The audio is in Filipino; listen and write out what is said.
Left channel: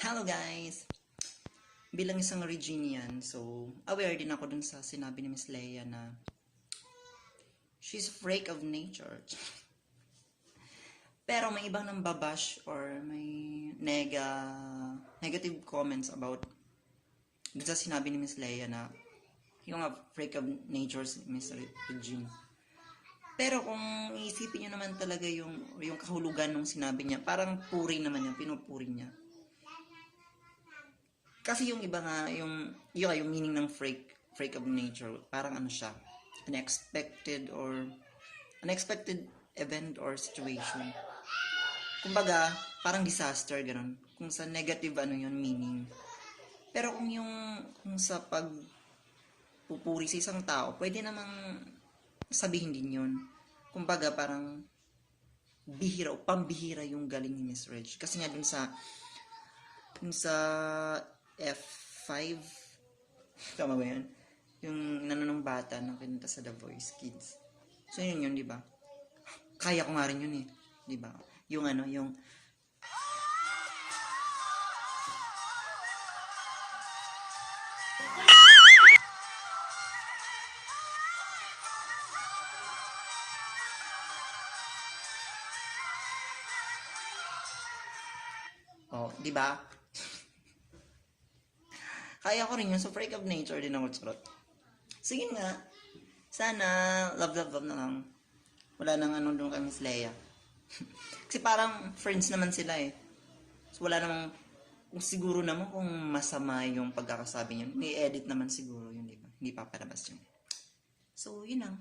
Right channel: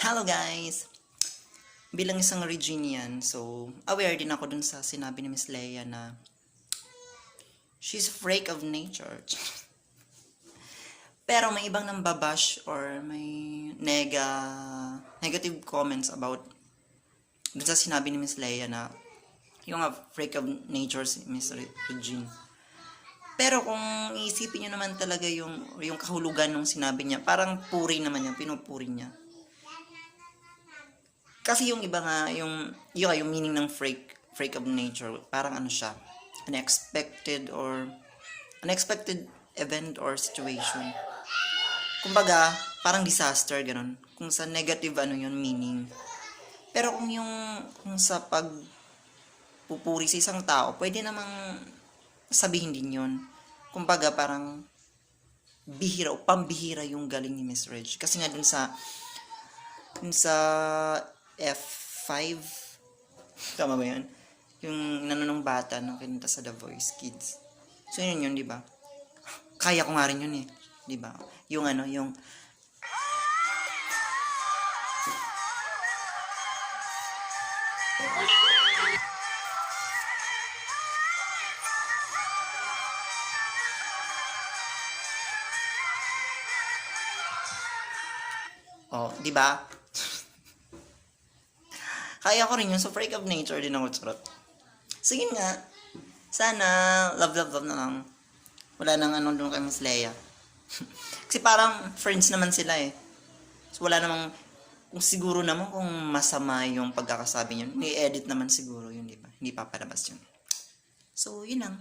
Hello guys! Bilang isang Reginian, so aware din ako dun sa sinabi ni Miss Leia na she's a freak of nature. Pero may ibang nambabash or may negative comments about dun sa sinabi ni Miss Leia na yung freak of nature si Miss Regine. Pero kung iisipin nyo naman talaga yung kahulugan ng sinabi niya, parang puri naman niya, pinupuri niya. Kasi yung iba nga, yung meaning ng freak of nature, parang ano siya, unexpected event or situation. Kumbaga, parang disaster, ganun. Kung sa negative, yun, meaning. Pero kung sa pagpupuri sa isang tao, pwede namang sabihin din yun. Kumbaga, parang bihira o pambihira yung galing ni Miss Reg. Kasi nga dun sa F5, tama ba yan? Yung nanonong bata na kinanta sa The Voice Kids. So yun, di ba? Kaya ko nga rin yun di ba? Yung di ba? Kaya ko rin yun. So, freak of nature din ako, charot. Sige nga. Sana, love na lang. Wala nang doon kay Miss Leia. Kasi parang friends naman sila So, wala namang, kung siguro naman kung masama yung pagkakasabi niyo, i-edit naman siguro yun, di ba? Hindi papalabas yun. So, yun lang.